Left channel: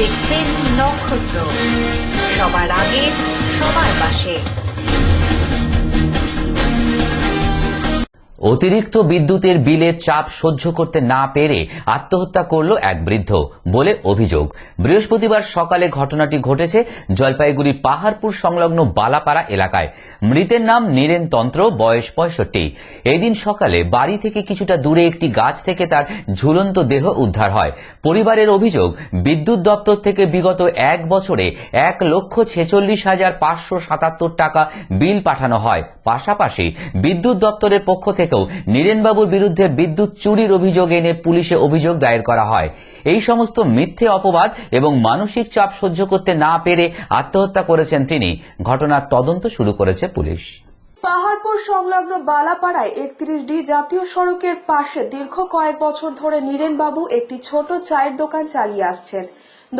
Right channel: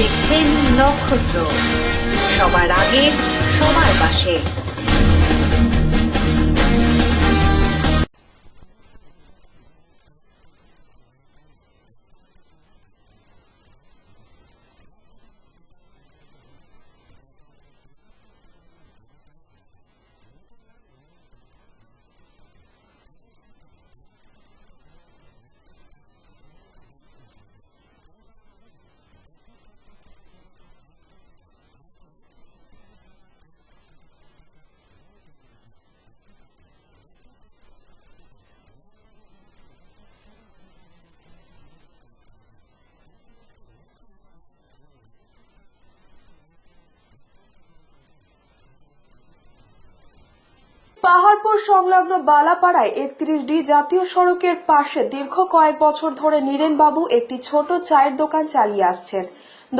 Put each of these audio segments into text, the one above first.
দেখছেন নক্ষত্র, সবার আগে সবার পাশে। অতিরিক্ত বিদ্যুতের বিলের চাপ সহ্য করতে না পেরে আত্মহত্যা করল এক বৃদ্ধ বলে অভিযোগ। বৃহস্পতিবার সকালে ঘটনাটি ঘটেছে জলপাইগুড়ির পাহাড়পুর সংলগ্ন বালাপাড়া এলাকায়। মৃতের নাম নীরেন তন্ত্র, বয়স 65। এই দিন সকালে বাড়ি থেকে কিছুটা দূরে একটি গাছ থেকে তার ঝুলন্ত দেহ উদ্ধার হয়। পরিবারের অভিযোগ, বিদ্যুৎ দপ্তর থেকে বিগত এক বছরে 1,46,577 টাকা বিল পাঠানো হয়। পাশাপাশি বিদ্যুৎ দপ্তরের পক্ষ থেকেও নীরেনবাবুর বিরুদ্ধে বিদ্যুৎ চুরির অভিযোগ এনে পুলিশে অভিযোগ দায়ের করা হয়। এই সমস্ত মিথ্যে অপবাদ এবং মানসিক চাপ সহ্য করতে না পেরে আত্মহত্যা করেছেন তিনি। ঘটনার তদন্ত শুরু করেছে পুলিশ। পাহাড়পুর সংলগ্ন বালাপাড়ায় 31D জাতীয় সড়কের পাশে দীর্ঘ কয়েক বছর ধরে নীরেনবাবু একটি ছোট চায়ের দোকান চালিয়ে আসছেন।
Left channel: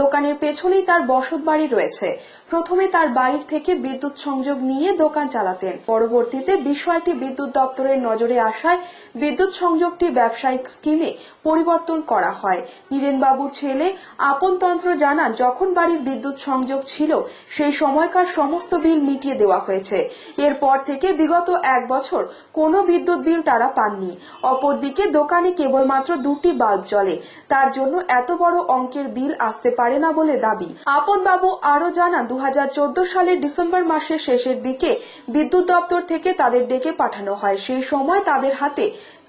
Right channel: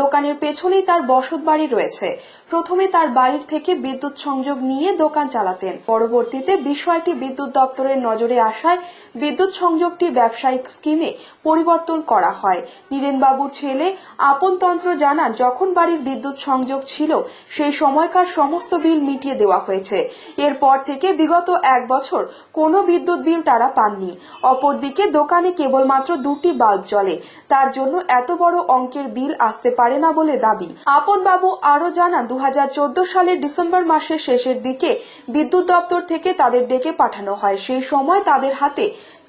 দোকানের পেছনেই তার বসত বাড়ি রয়েছে। প্রথমে তার বাড়ির থেকে বিদ্যুৎ সংযোগ নিয়ে দোকান চালাতেন। পরবর্তীতে বিষয়টি বিদ্যুৎ দপ্তরের নজরে আসায় বিদ্যুৎ সংযোগটি ব্যবসায়িক স্কিমে পরিবর্তন করা হয়। নীরেনবাবুর ছেলে আপনতন্ত্র জানান, যখন বাড়ির বিদ্যুৎ সংযোগ ছিল সেই সময়কার সমস্ত বিল মিটিয়ে দেওয়া হয়েছে। এরপর থেকে বিগত এক বছর কোনো বিদ্যুৎ বিল তারা পাননি। অপরদিকে দোকানে কেবলমাত্র 2টি বাল্ব জ্বলে, তার জন্য এত বড় অঙ্কের বিল আসতে পারে না বলে দাবি। আপনবাবু আরো জানান, 2014 সালের ডিসেম্বর মাসের শেষের দিকে বিদ্যুৎ দপ্তর থেকে তাদের ডেকে পাঠানো হয়। সেই সময় তাদের হাতে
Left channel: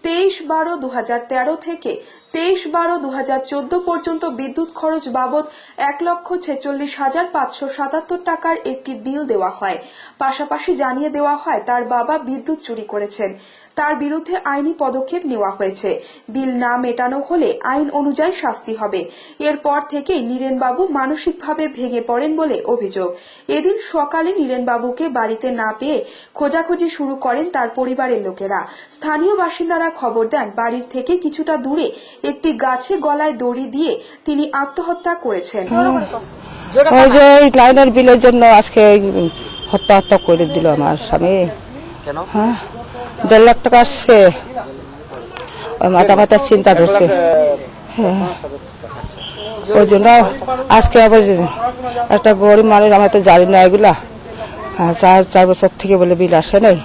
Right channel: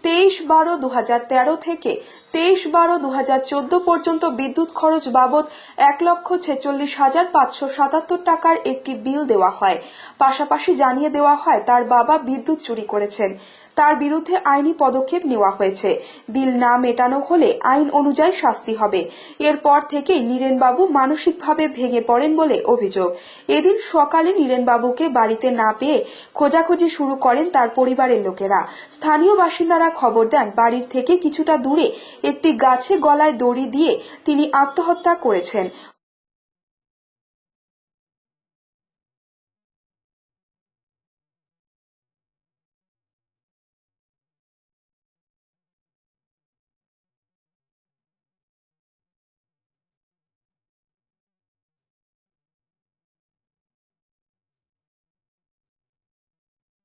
23/12/2013 থেকে 23/12/2014 পর্যন্ত বিদ্যুৎ খরচ বাবদ 1,46,577 টাকার একটি বিল দেওয়া হয়। পাশাপাশি জানিয়ে দেওয়া হয় তার বাবা বিদ্যুৎ চুরি করেছেন, তার বিরুদ্ধে আইনি পদক্ষেপ নেওয়া হয়েছে। বিল না মেটানো হলে আইন অনুযায়ী শাস্তি হবে। এরপর থেকেই নীরেনবাবু মানসিকভাবে ভেঙে পড়েন বলে অভিযোগ। এদিন সকালে নীরেনবাবুকে বাড়িতে না পেয়ে খোঁজাখুঁজি শুরু করেন তার পরিবারের লোকেরা। স্থানীয় বাসিন্দারা খবর দেন, বাড়ির থেকে কিছুটা দূরে একটি গাছে গলায় দড়ি দিয়ে তিনি আত্মহত্যা করেছেন। ওই যে লাইনের বিলের জন্য আজকে হত্যা করে দিল আমার স্বামী। হ্যাঁ, 1.5 লাখ টাকা আসছে, ওই মাথা চিন্তা ধরছে। হ্যাঁ, ওই জন্য আজকে আবার একটা গরিব মানুষ, আমরা তো জানি না এগুলা। হ্যাঁ, 4 বছর থেকে বলে বিল আসে নাই।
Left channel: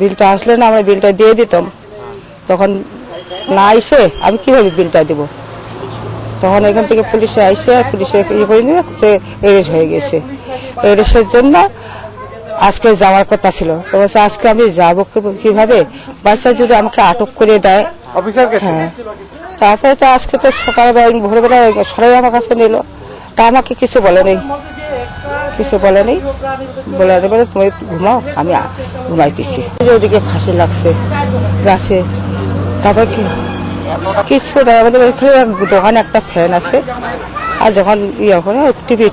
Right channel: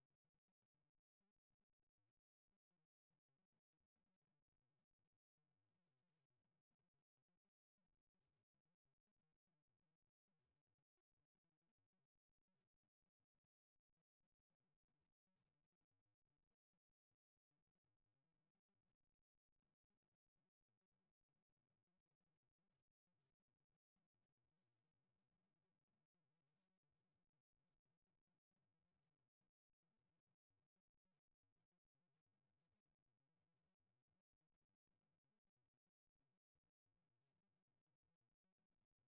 বিলটা আসলে না আমরা বিলটা দিয়ে দিতাম, তখন না আইসে আমি কিভাবে বিলটা দেব। তখন এখান থেকে পুলিশে আইসে, পুলিশে ইয়ে করে নিয়ে এরেস্ট হয়ে গেছে। এরেস্টের জন্য আজকে যাওয়ার কথা ছিল, তো আজকে আমি যাবো কিভাবে, বাচ্চা যদি আমাকে আটক করে দেয়। হ্যাঁ, তারপরে তো আজকে তো সকালবেলা ভোরবেলা সরাই আমার কাছে নিল, তা আমাকে কিছু বলে নেই, বলে তুমি ঘুমাও, আমি ঘুমাইতেছি। ওদিকে ফাঁসি লাগছে গাছে, তারপর কিছু নাই, আমাদের দোকানে একটা ফ্যান আছে, আর যখন ইয়ে করে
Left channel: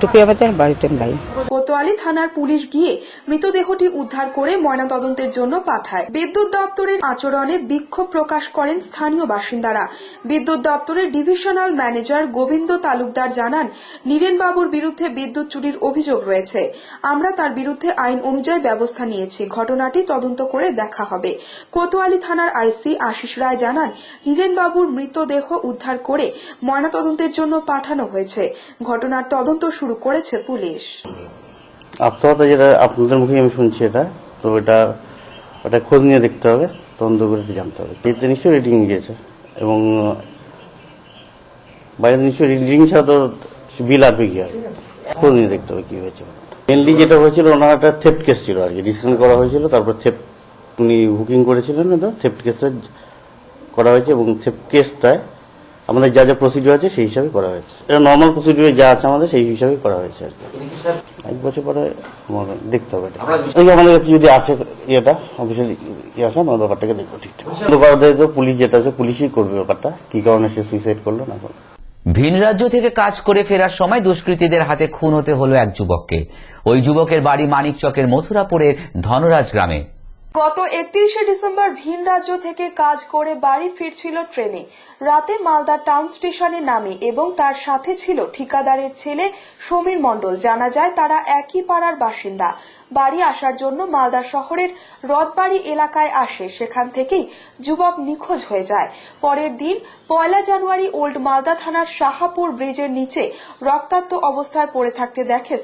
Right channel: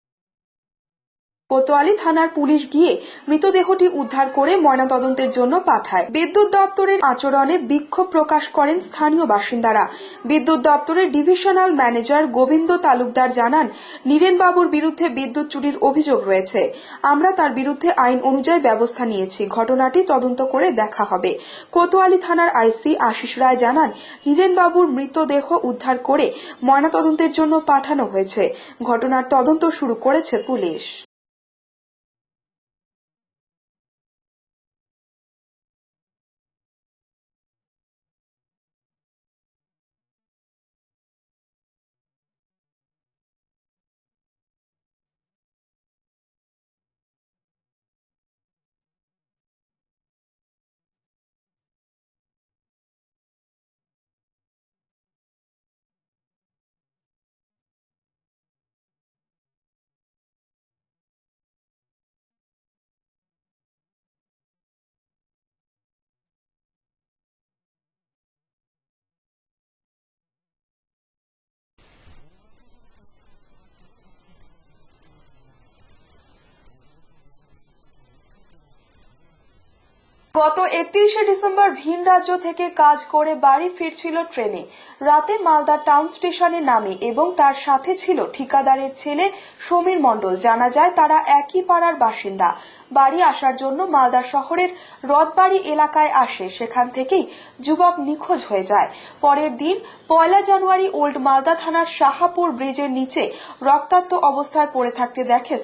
টুপি আমাদের বাড়িতে নাই। কোতোয়ালি থানার পুলিশ গিয়ে মৃতদেহটি উদ্ধার করে ময়নাতদন্তের জন্য পাঠায়। বিদ্যুৎ দপ্তরের আচরণে বিক্ষোভ প্রকাশ করেন স্থানীয় বাসিন্দারা। বিদ্যুৎ দপ্তরের ডিভিশনাল ম্যানেজার গোবিন্দ তালুকদার জানান, নীরেনবাবুর বিরুদ্ধে বিদ্যুৎ চুরির অভিযোগ রয়েছে। আমরা তার বিরুদ্ধে আইন অনুযায়ী ব্যবস্থা নিয়েছি। ঘটনাটি তদন্ত করে দেখা হবে। কোতোয়ালি থানার আইসি আশিস রায় জানান, নীরেনবাবুর মৃতদেহ উদ্ধার করে ময়নাতদন্তের জন্য পাঠানো হয়েছে। ঘটনার তদন্ত শুরু করেছে পুলিশ। আত্মহত্যা যেটা আপনাদের মুখে আমি শুনছি, তো ওটা খোঁজ নিয়ে দেখতে হবে, তদন্ত করে জানতে হবে। এতে নিশ্চয়ই রেটিং গিয়েছে, এবং বাইরে নিশ্চয়ই রেটিং ছাড়া তো বিল আসবে কি, আর খোঁজ নিয়ে দেখতে হবে কি হয়েছে। মেনলি যেটা হয়েছিল, ওনার একটা থেফট কেস ছিল আর কি, ডিসকাউন্ট করা হয়েছিল, তারপর উনি বুকিং করেছিলেন, তো থেফট কেসটা করা হয়েছে, এবং থেফট কেসটায় আমাদের যা যা প্রসিডিউর আছে সেই হিসাবে করা হয়েছে। এটা নর্মাল প্রসিডিউরে যা আছে আমাদের সেই হিসাবে করা হয়েছে আর কি। 1 বছর পরে দেখতে হবে, আমাদের কাছে যদি আসে ইয়েটা অফিসিয়ালি আসে, আমরা ব্যাপারটাকে দেখবো ঠিকঠাক। পুলিশ যেটা আছে পুলিশই করবে ব্যাপারটা, কি কারণে সে সুইসাইড করলো না। ভিন রাজ্য থেকে কাজ করে ফেরার সময় দুষ্কৃতীদের হাতে খুন হতে হলো এক যুবককে। ওই যুবকের বাড়ি মানিকচকের মথুরাপুরের ধনরাজ গ্রামে। গত 31শে ডিসেম্বর ভিন রাজ্য থেকে কাজ করে বাড়ি ফিরছিল ট্রেনে। রাতে মালদা টাউন স্টেশনে নামে এবং তার সাথে ছিল ঠিকাদারের ছেলে সমীর মণ্ডল। জানা যায় তারা একই পাড়ার বাসিন্দা। বাড়ি আসার জন্য মালদা শহরের রথবাড়ি এলাকায় আসে। সেখান থেকেই যুবক নিখোঁজ হয়ে যায়। পরের দিন 1 জানুয়ারি ওল্ড মালদা থানার শাহাপুর ব্রিজের নিচে রক্তাক্ত অবস্থায় পড়ে থাকতে দেখে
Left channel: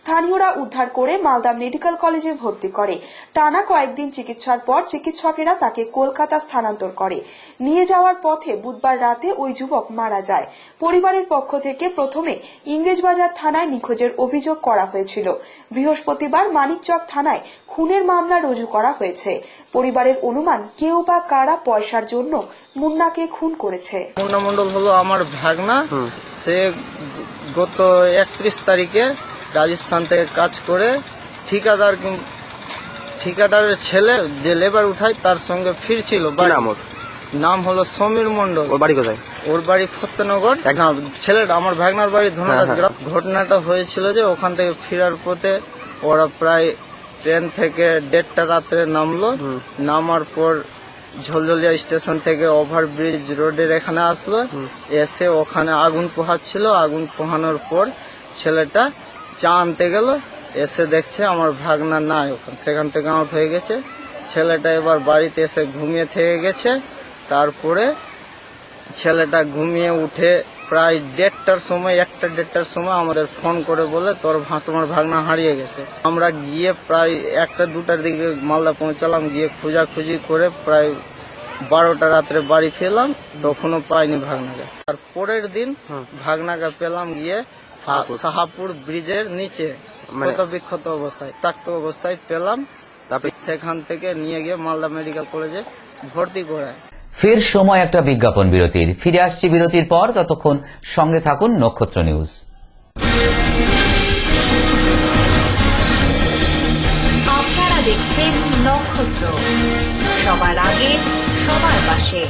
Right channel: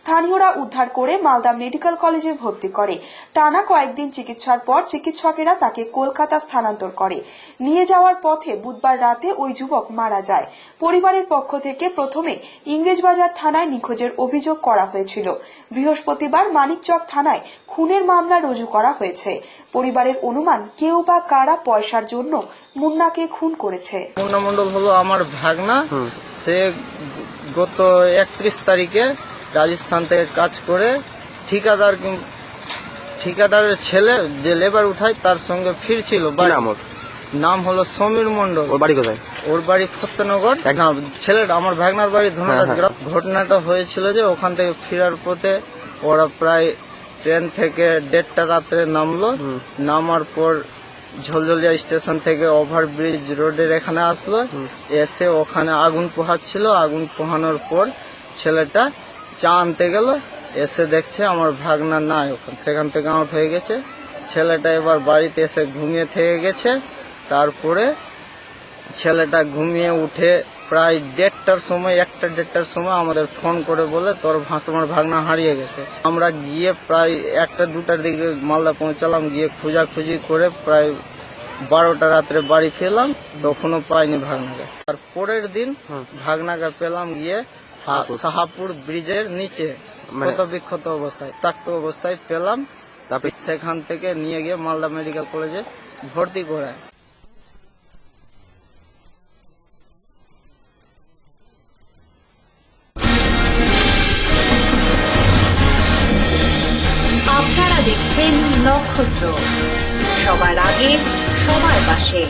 স্থানীয়রা উদ্ধার করে মালদা মেডিকেল কলেজে ভর্তি করে। টানা কয়েকদিন চিকিৎসার পর চিকিৎসকেরা তাকে কলকাতা স্থানান্তর করে। নিয়ে যাওয়ার পথে বুধবার রাতে ওই যুবক মারা যায়। পরিবারের পক্ষ থেকে প্রথমে ইংরেজবাজার থানায় নিখোঁজের অভিযোগ করা হয়েছিল। বৃহস্পতিবার মানিকচক থানায় খুনের মামলা রুজু করা হয়েছে। পরিবারের অনুমান কেউ বা কারা পয়সার জন্য মুন্নাকে খুন করেছে। মুন্না মণ্ডল হলো আমার ভাগনা। সে গত 31 তারিখে রাজস্থান থেকে কাজ করে ঠিকাদারের ছেলে যে লেবার উঠায় তার সঙ্গে ফিরছিল। নাম হলো সমীর মণ্ডল। ওর বাড়ি কোথায়? ওর বাড়ি ফতেনগর। ছেলেটা আমার ভাগনার বাড়ি ধনুরাজ গ্রাম। ঘটনাটা হয়েছিল যে ওখান থেকে ফেরার পথে ওরা প্রায় ট্রেন থেকে 1:30 রাত্রে নামলো। নামার পর ঝলঝলিয়া স্টেশন থেকে ওভারব্রিজ রোডের এখানে আসলো। এসে ওখানে আগুন পোহাচ্ছিল। আগুন পোহানোর পর ছেলেটা চা আনতে গেল। এসে দেখছে আমার ভাগনা নাই, সেখান থেকে আউট হয়ে গেছে। ছেলেটা এবার বাড়িতে এসে ঘুমিয়ে থেকে গেছে। তারপরে ছেলেটা ঘুমিয়ে উঠে প্রায় 1:30টার সময় আমাদের ফোন করে বলে তোমার ভাগনা হারিয়ে গেছে। আমরা গিয়ে প্রায় 1টা-2টার দিকে মালদা পৌঁছালাম। গিয়ে খোঁজাখুঁজি করে প্রায় 12টা রাত্রে বাড়ি ফিরলাম, তখনও পাইনি ভাগনাকে। আর পরের দিন ভাগনাকে পেলাম গিয়ে শাহাপুর ব্রিজের নিচে ক্ষত অবস্থায়, তাক্ত অবস্থায় পেলাম। সেখান থেকে নিয়ে গিয়ে মালদা মেডিকেল কলেজে ভর্তি করায়। ফের সময় একটা বিজ্ঞাপন বিরতির। ফিরে আসছি বিরতির পর, ততক্ষণ সঙ্গে থাকুন নক্ষত্র নিউজ। আপনারা দেখছেন নক্ষত্র, সবার আগে সবার পাশে।